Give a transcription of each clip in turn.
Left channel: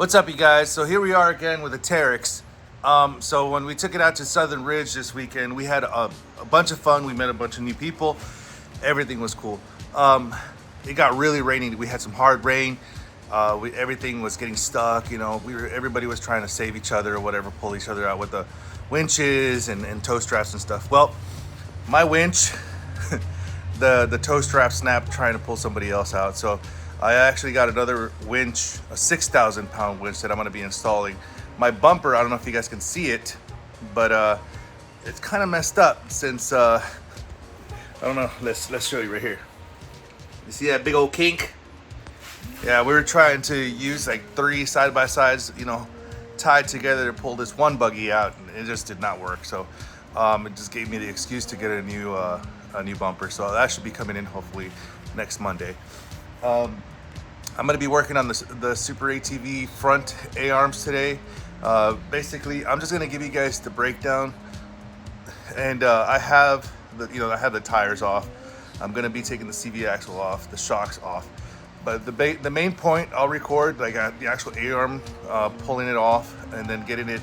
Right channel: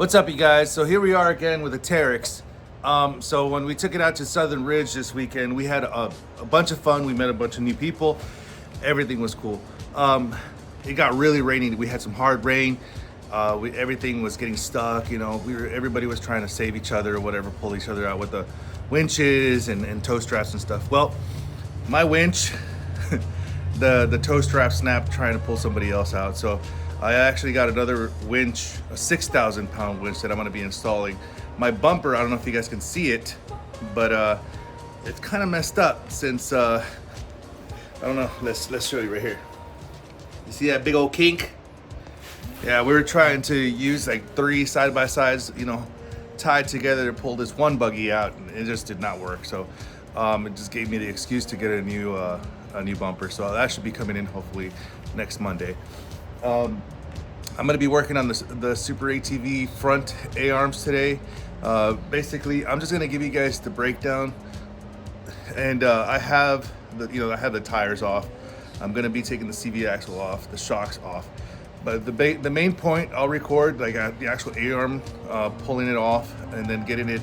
What's up, you guys? So here we are again with a Teryx. So when we took it out to Southern Ridge this weekend, we had a bunch of fun. We met a bunch of new people. Everything was cool. It got really rainy. We had some hard rain. Everything was getting stuck. You know, everybody was trying to save each other or whatever, pull each other out with the winches and tow straps and stuff. Well, my winch, the tow strap snapped trying to pull somebody else out. So I actually got another winch, a 6,000 pound winch that I'm gonna be installing. My bumper, I don't know if you guys can see it, but it's kind of messed up since, I don't know, let's show you right here. You see that big old kink? Yeah, we were trying to use like 3 side-by-sides, you know, tied together to pull this one buggy out, and it just did not work. So it just gave me the excuse to get a new bumper. So that should be coming in hopefully next Monday. I'm going to be working on the SuperATV front A-arms today. Basically, I'm just going to give you guys the breakdown. And I have the tires off. I'm going to be taking the CV axle off, the shocks off. But the main point I'll record, like the actual A-arm, pulling it off and then getting it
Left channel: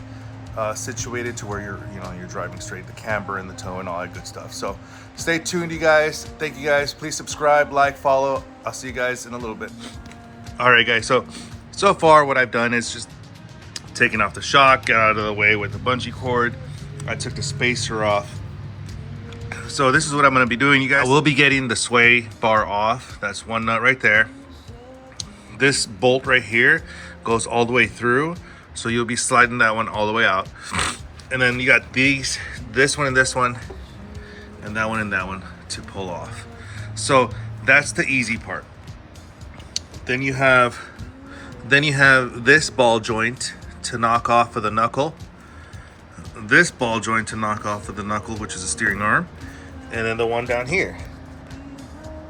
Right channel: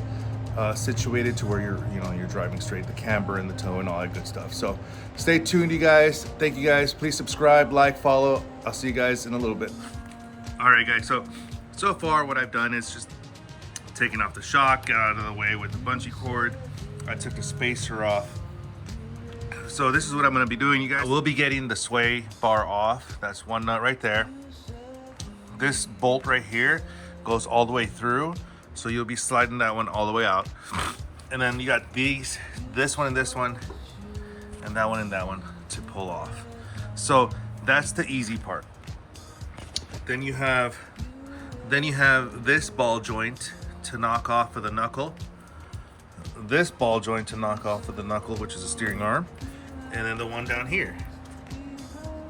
situated to where you're driving straight, the camber and the tow and all that good stuff. So stay tuned, you guys. Thank you guys. Please subscribe, like, follow. I'll see you guys in a little bit. All right, guys. So far what I've done is just taking off the shock, got out of the way with the bungee cord. I took the spacer off. So this is what I'm going to be doing, you guys. I will be getting the sway bar off. That's one nut right there. This bolt right here goes all the way through. So you'll be sliding that one all the way out. And then you got this one and that one and that one to pull off. So that's the easy part. Then you have this ball joint to knock off of the knuckle. This ball joint to knock off of the knuckle, which is a steering arm. And then the one down here,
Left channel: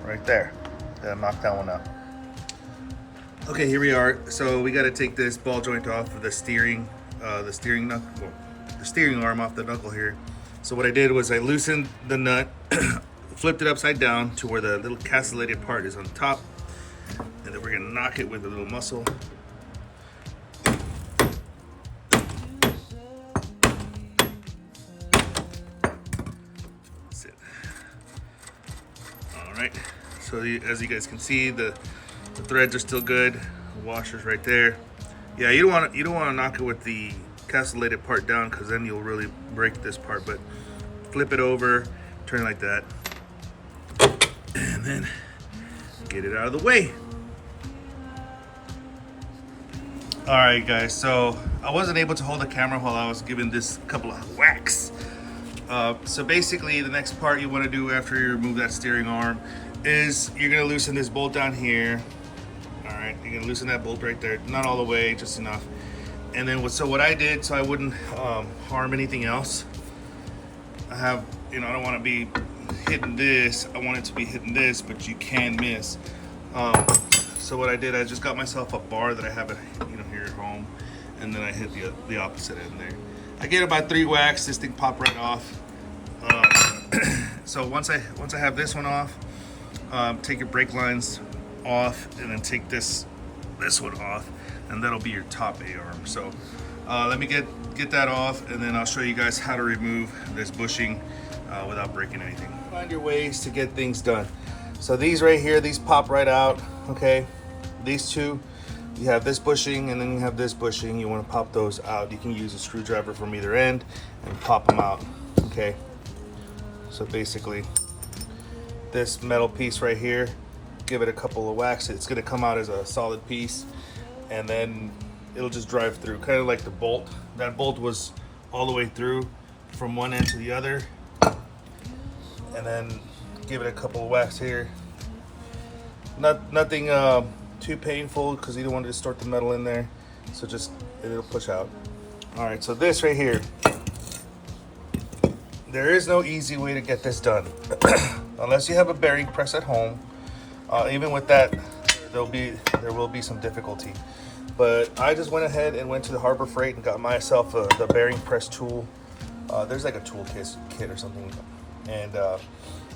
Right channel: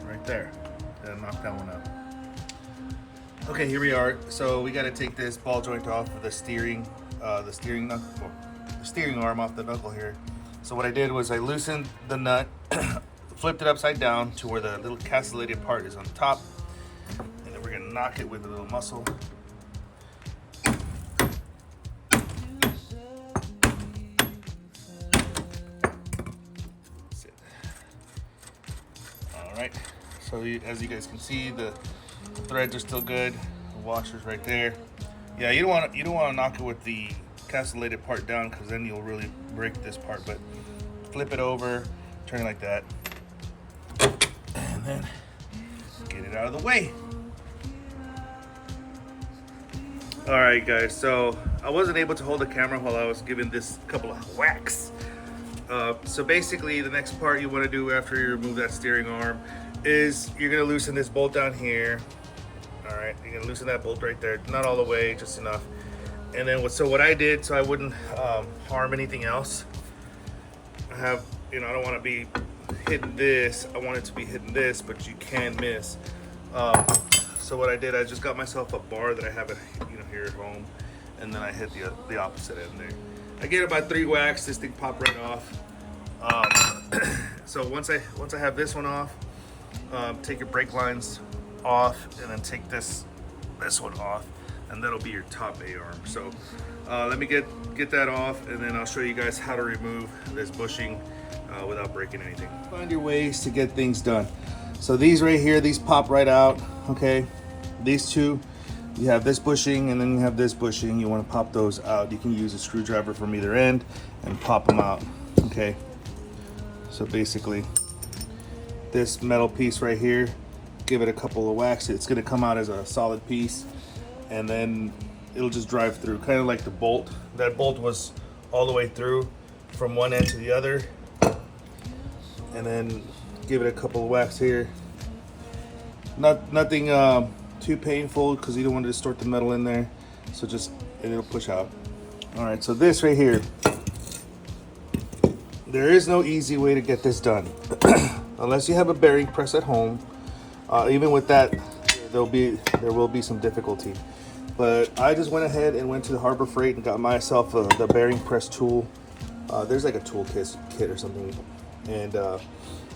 right there. Then knock that one out. Okay, here we are. So we got to take this ball joint off of the steering arm off the knuckle here. So what I did was I loosened the nut, flipped it upside down to where the little castellated part is on top, and then we're gonna knock it with a little muscle. That's it. All right. So as you guys can see, the threads are still good. The washer's right there. Yeah, you don't want to knock it with the castellated part down, because then you'll really break this part. But flip it over, turn it like that, and then get it out of the way. All right, guys. So I wasn't able to hold the camera while I was giving this couple of whacks. So basically, the next part you want to do after you remove that steering arm is you're gonna loosen this bolt down here. All right, you're gonna loosen that bolt right there, not all the way, just enough. And then what I did, so I wouldn't harm anything else, I don't want to be hitting this. I want it to be hitting this, but you can miss. So what I did, I just got myself a bar that I have it, here at home, and then I hit the opposite end there. I get about 3 whacks. This thing popped right off. So once I have this one off, take your brake lines off, and then take this one off, and that'll be your top A-arm. So let me get that off, and then I'll show you guys how to remove this bushing without breaking anything. Find your ways to get things done. So these right here, these pop right out, okay? These two, you have this bushing and then you have this bushing. You want to pop those out. You can use a screwdriver from either end and pop them out, okay? So basically, this metal piece right here, give it a couple of whacks. It's gonna come out as a solid piece, and then it'll just drive through, kind of like the bolt. That bolt was all the way through from one end to the other. And then give it a couple of whacks here. Nothing too painful, because you don't want to distort the metal in there. So it'll push out. All right, so this right here, there is no easy way to get this done. Unless you have a bearing press at home. Even with that, there will be some difficulty. But I just went ahead and went to the Harbor Freight and got myself the bearing press tool. There's like a tool kit or something, and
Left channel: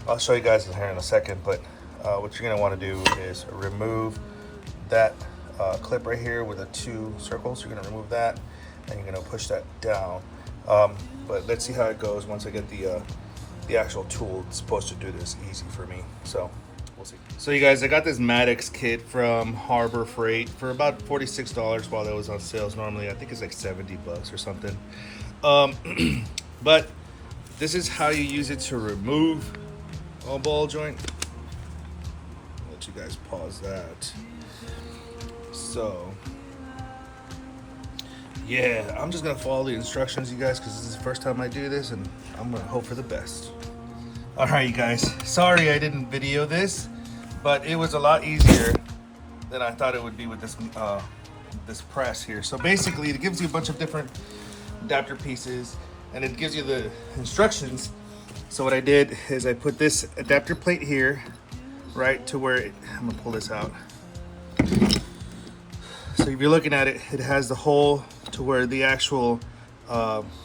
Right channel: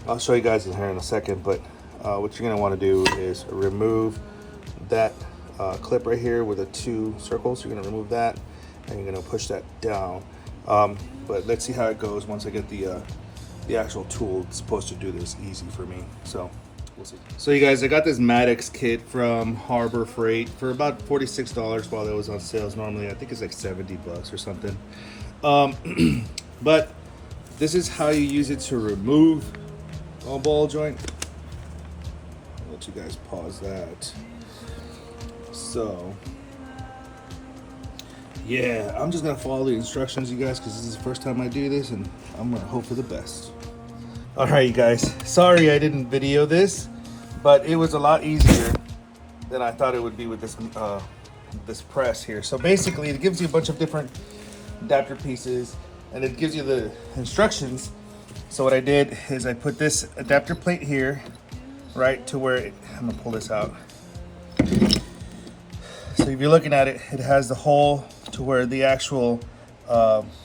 I'll show you guys in here in a second. But what you're gonna want to do is remove that clip right here with the 2 circles. You're gonna remove that and you're gonna push that down. But let's see how it goes once I get the actual tool. It's supposed to do this easy for me, so we'll see. So you guys, I got this Teryx kit from Harbor Freight for about $46 while that was on sales. Normally I think it's like 70 bucks or something. But this is how you use it to remove a ball joint. I'll let you guys pause that. So yeah, I'm just gonna follow the instructions, you guys, because this is the first time I do this, and I'm gonna hope for the best. All right, you guys, sorry I didn't video this, but it was a lot easier than I thought it would be with this this press here. So basically, it gives you a bunch of different adapter pieces, and it gives you the instructions. So what I did is I put this adapter plate here, right to where I'm gonna pull this out. So if you're looking at it, it has the hole to where the actual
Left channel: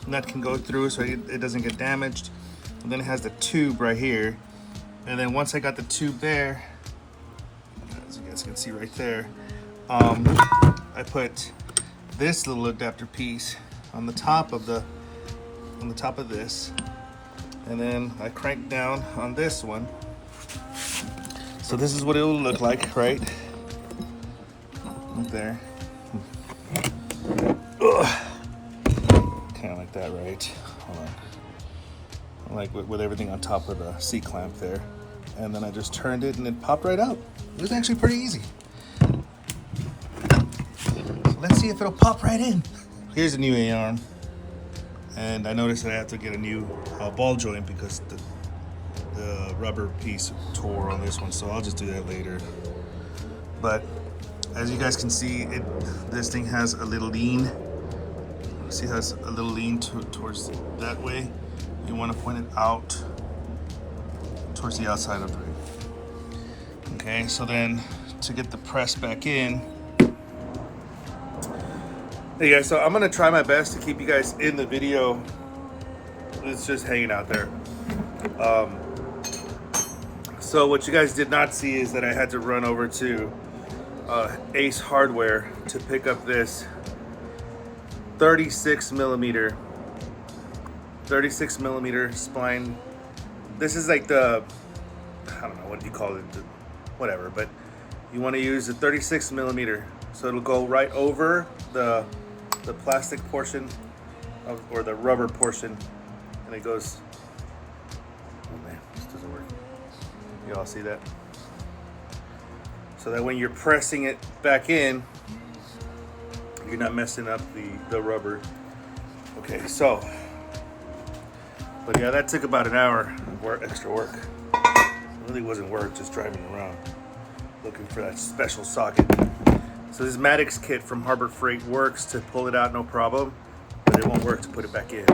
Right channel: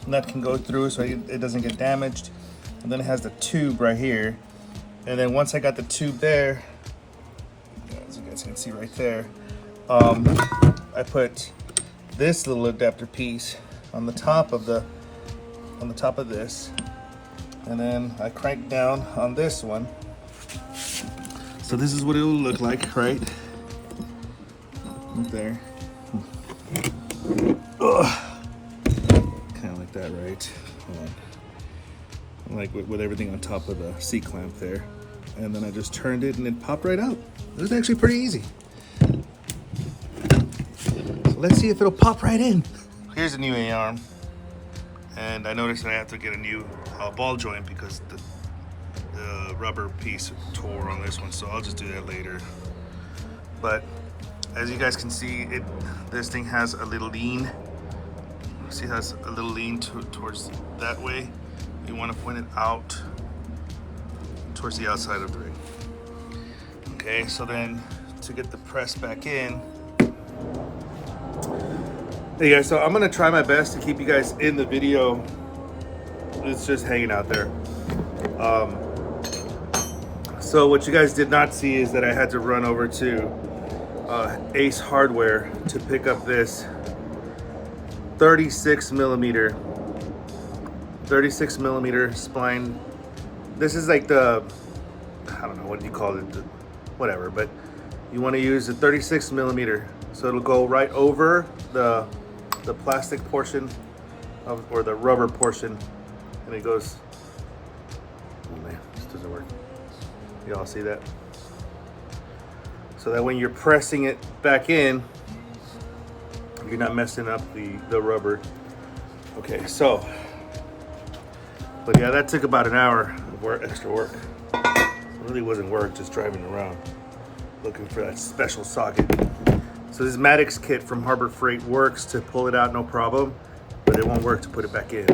nut can go through, so it doesn't get damaged. And then it has the tube right here. And then once I got the tube there, as you guys can see right there, I put this little adapter piece on the top of this, and then I crank down on this one. So this is what it will look like, right? Right there. Kind of like that, right? Like with everything on top of the C-clamp there. And then I just turned it and it popped right out. It was actually pretty easy. So let's see if it'll pop right in. Here's a new A-arm. And I noticed that I have to get a new ball joint because the rubber piece tore on this one. So I'll just do that later. But as you guys can see, this thing has a little lean. See, it has a little lean towards that way. You want to point it out towards the outside of the ring. Okay, so then to get the press back in. Hey guys, so I'm gonna try my best to keep you guys in the video. It's just hanging out there. So what you guys did not see is that I had to run over to Ace Hardware to pick up this 36 millimeter spline. This is like the, I don't know, what do you call it, whatever, but you want to use a 36 millimeter, so it'll go right over the plastic portion or the rubber portion, and it goes, oh man, this doesn't work. Y'all see that? So that when you're pressing it back in, you're not messing up the rubber. Okay, so, but yeah, that took about an hour of extra work. It really wasn't work, just driving around looking for that special socket. So this Teryx kit from Harbor Freight works to pull it out, no problem, but it won't work to put it back in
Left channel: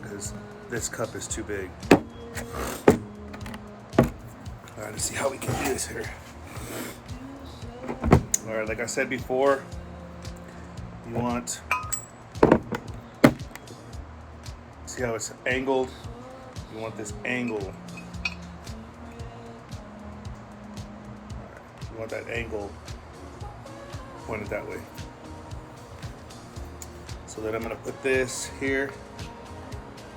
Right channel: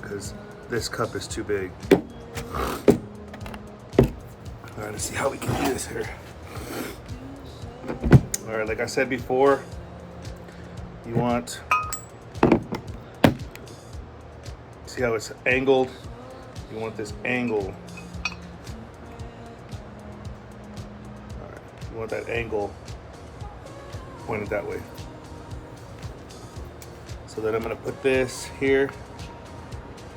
because this cup is too big. All right, let's see how we can do this here. All right, like I said before, you want, see how it's angled? You want this angle. All right, you want that angle pointed that way. So then I'm gonna put this here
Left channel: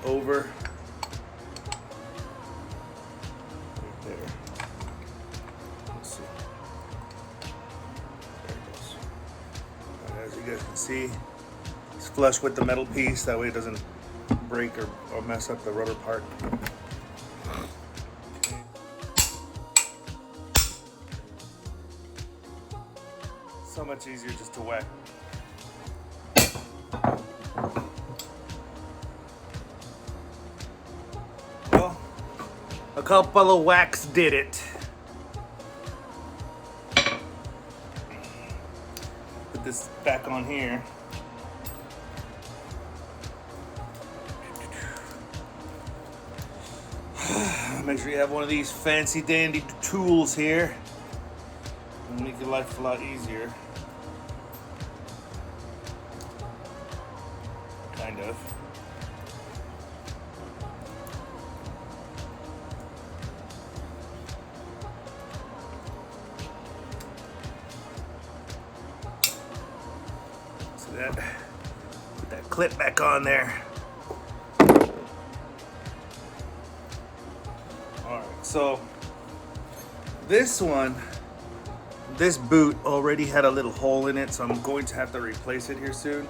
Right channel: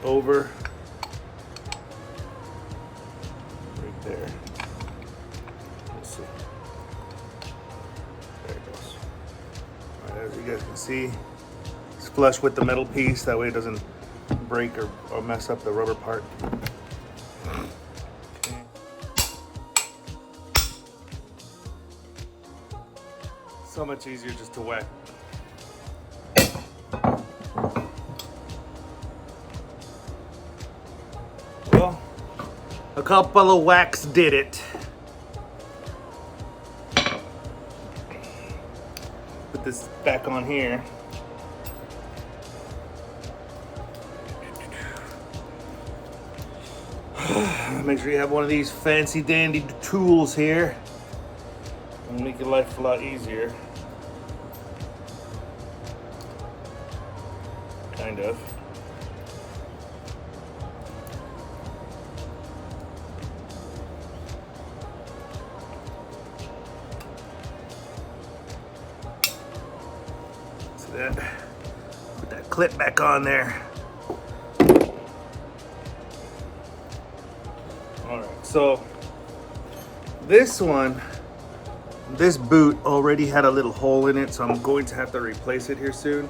over right there. Let's see. There it goes. All right, as you guys can see, it's flush with the metal piece. That way it doesn't break or mess up the rubber part. Okay. So much easier just to whack. Well, a couple of whacks did it. Put this back on here. Make sure you have one of these fancy dandy tools here. It'll make your life a lot easier. Kind of. Put that clip back on there. All right, so this boot already had a little hole in it, so I'm going to have to replace it here soon.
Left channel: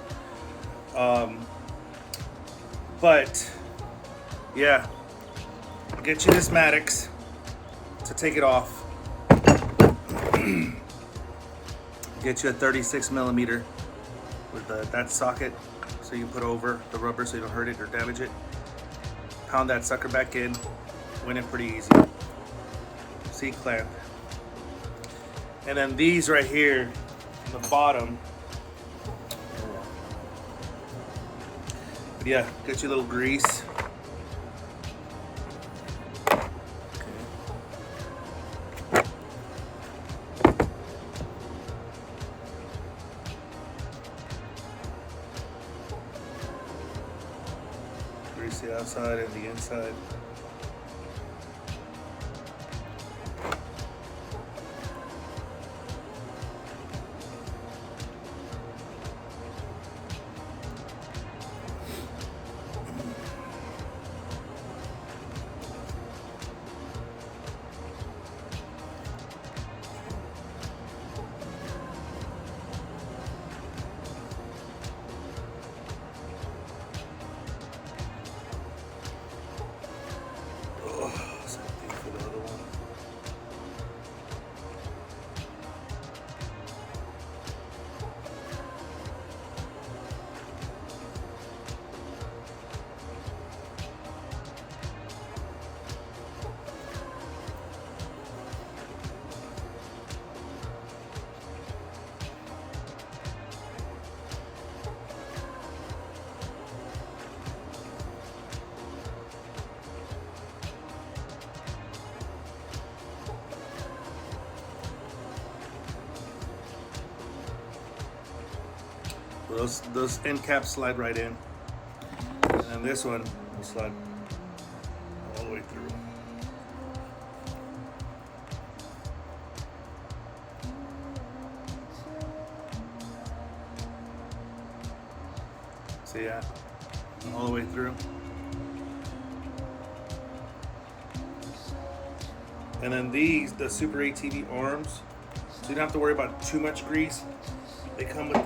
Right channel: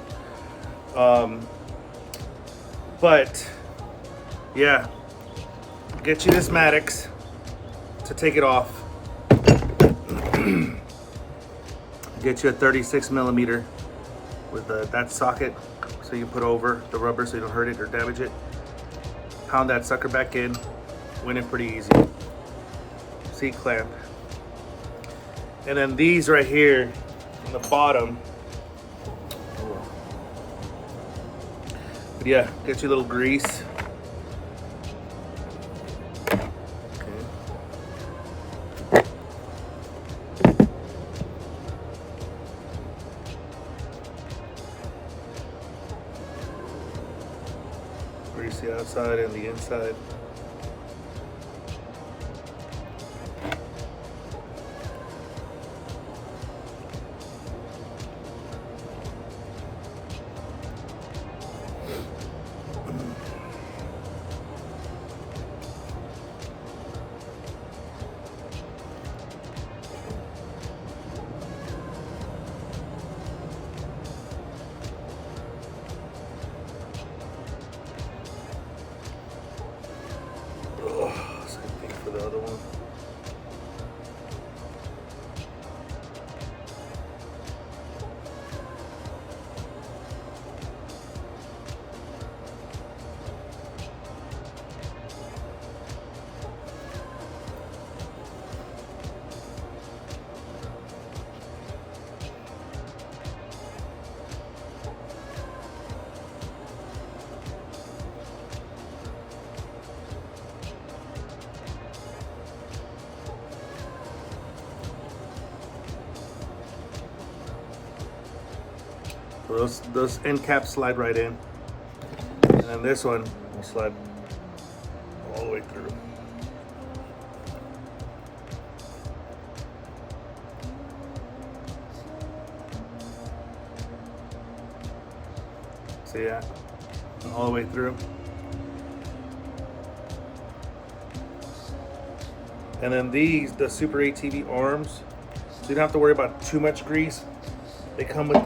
But yeah, get you this Teryx to take it off. Get you a 36 millimeter with that socket, so you put over the rubber so you don't hurt it or damage it. Pound that sucker back in. Win it pretty easy. C-clamp. And then these right here on the bottom. But yeah, get your little grease. Grease the outside and the inside. The other one. So those end caps slide right in, and then this one will slide all the way through. So yeah, all the way through. And then these, the SuperATV arms, so you don't have to worry about too much grease. They come with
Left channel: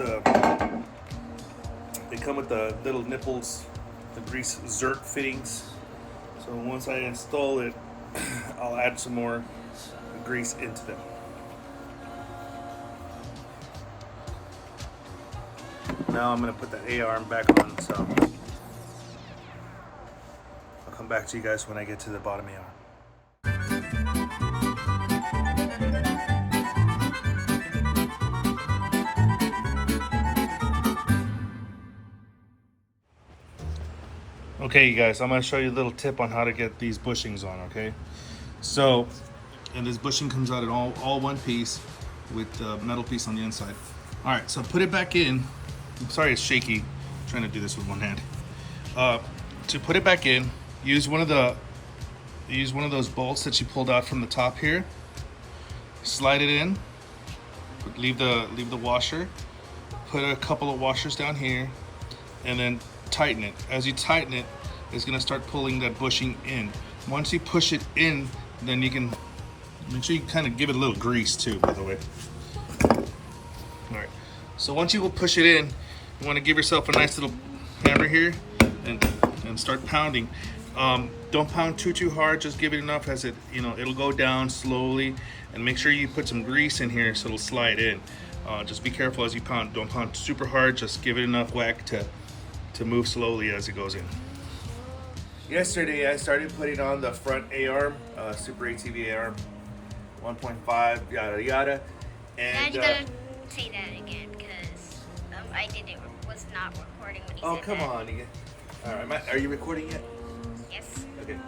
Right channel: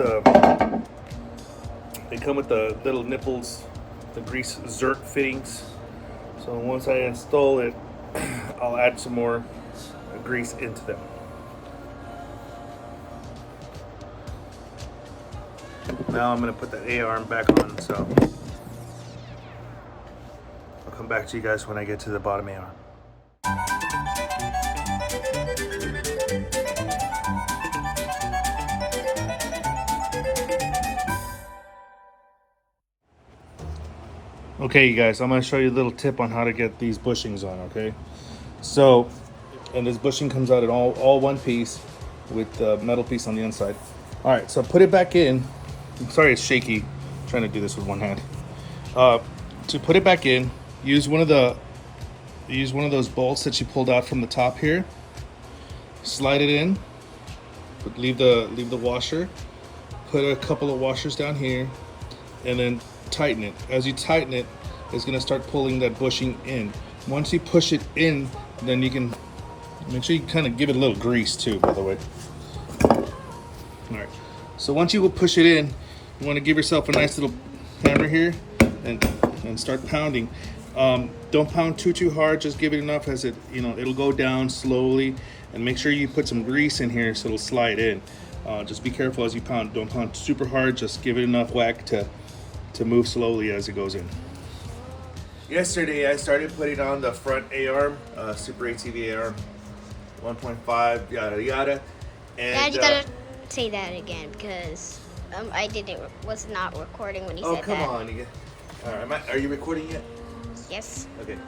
the little nipples, the grease Zerk fittings. So once I install it, I'll add some more grease into them. Now I'm gonna put that A-arm back on, so I'll come back to you guys when I get to the bottom A-arm. Okay, you guys, I'm going to show you a little tip on how to get these bushings on, okay? So, and this bushing comes out in all one piece with the metal piece on the inside. All right, so put it back in. I'm sorry it's shaky. I'm trying to do this with one hand. To put it back in, use one of those bolts that you pulled out from the top here. Slide it in. Leave the washer. Put a couple of washers down here, and then tighten it. As you tighten it, it's going to start pulling that bushing in. Once you push it in, then you can make sure you kind of give it a little grease too, by the way. All right, so once you will push it in, you want to give yourself a nice little hammer here and start pounding. Don't pound too hard, just give it enough as it'll go down slowly, and make sure you put some grease in here so it'll slide in. Just be careful as you pound. Don't pound super hard, just give it enough whack to move slowly as it goes in. Yesterday I started putting on the front A-arm, SuperATV A-arm 1.5, yada yada. And Dad, you gotta say that again, because was not recording when you said that. Oh, come on. All right, are you recording yet? Yes. Okay.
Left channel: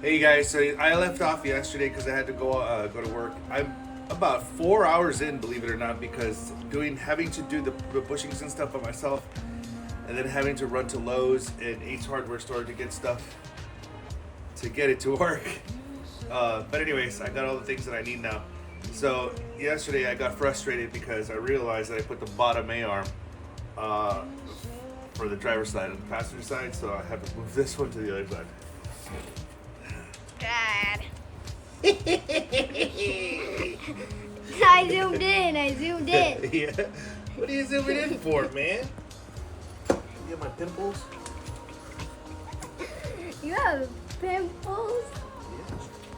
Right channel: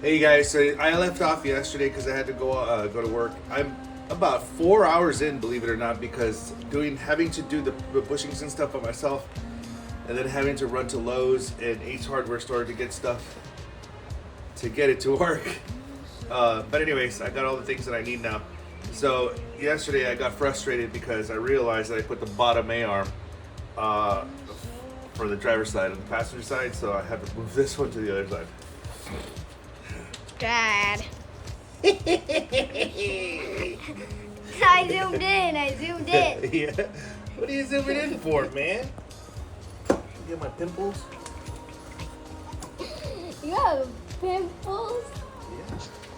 Hey guys, so I left off yesterday because I had to go to work. I'm about 4 hours in, believe it or not, because having to do the bushings and stuff by myself, and then having to run to Lowe's and Ace Hardware store to get stuff to get it to work. But anyways, I got all the things that I need now. So yesterday I got frustrated because I realized that I put the bottom A-arm for the driver's side and the passenger side, so I have to move this one to the other side. Dad. I zoomed in. Yeah. What are you zooming in for, man? You get my pimples? You have pimples?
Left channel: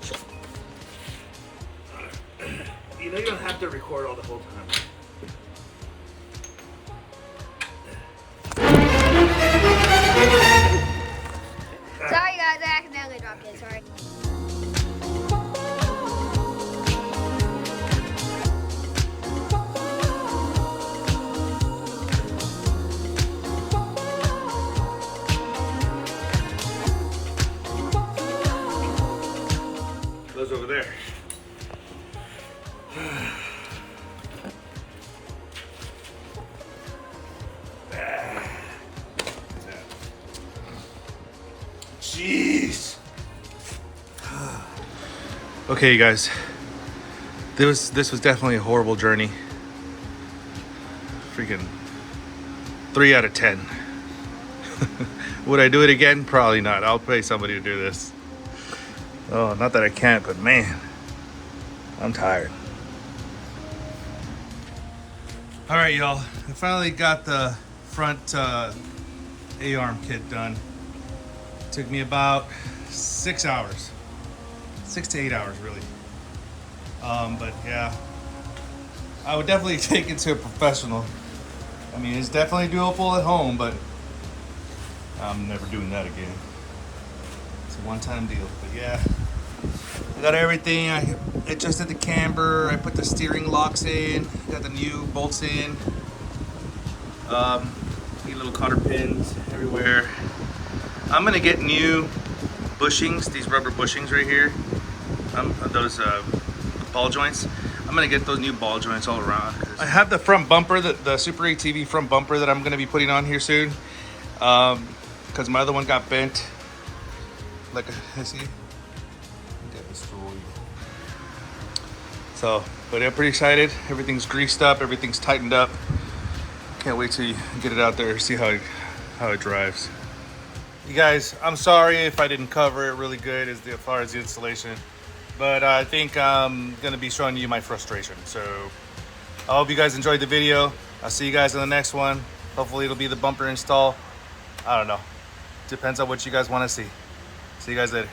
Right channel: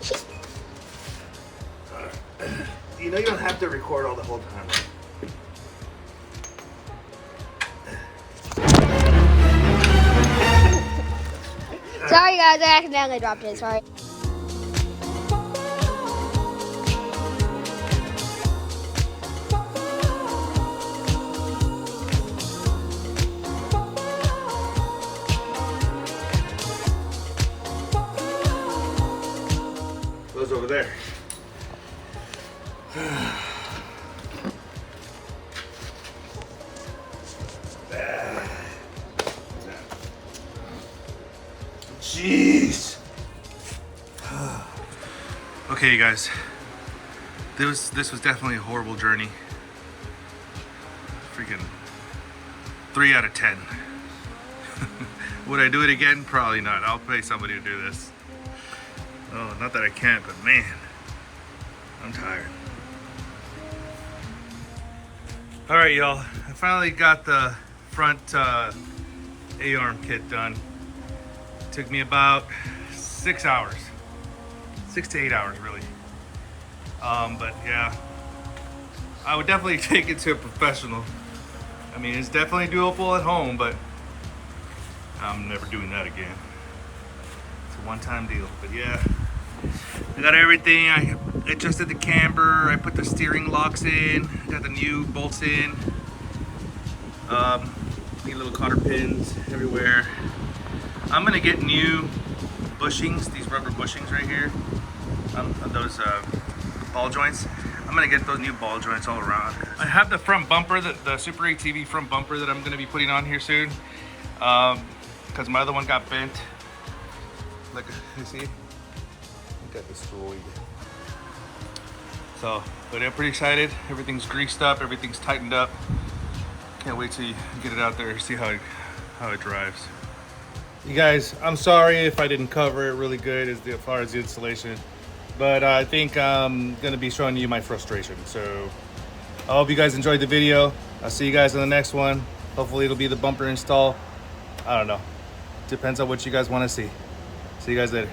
Yeah. You know you don't have to record all the whole time. Sorry guys, I accidentally dropped it, sorry. Goes over there. Jeez. Okay, you guys. This was definitely a horrible journey. Freaking 3 out of 10. Would I do it again? Probably not. I'll pay somebody to do this. Oh, not that I can't, but man, I'm tired. All right, y'all. I finally got the front A-arm kit done. Took me about 6 hours. 6 to 8 hours, really. But yeah, I would definitely take it to a professional. I mean, it's definitely doable at home, but I'm never doing that again. It's a one-time deal, but yeah. I got everything. I adjusted the camber. I put the steering locks in. Got the new bolts in. Get little cotter pins everywhere. I'm gonna get new bushings, these rubber bushings right here. Those ball joints. I'm gonna get those new ball joints all around. I have the front bumper, the SuperATV front bumper that I'm gonna be putting on here soon. Because my other one got bent. Like, you see? Got destroyed. So, but I'm pretty excited. Everything's greased up, everything's tightened up. Can't wait till you get it out there, see how it drives. You guys, I'm sorry if I didn't cover it really good as far as the installation, but I think I'm gonna be showing you my frustration. So I hope you guys enjoyed the video. I'll see you guys in the next one. Hopefully it'll be the bumper install. I don't know. Depends on what you guys want to see. See you guys later.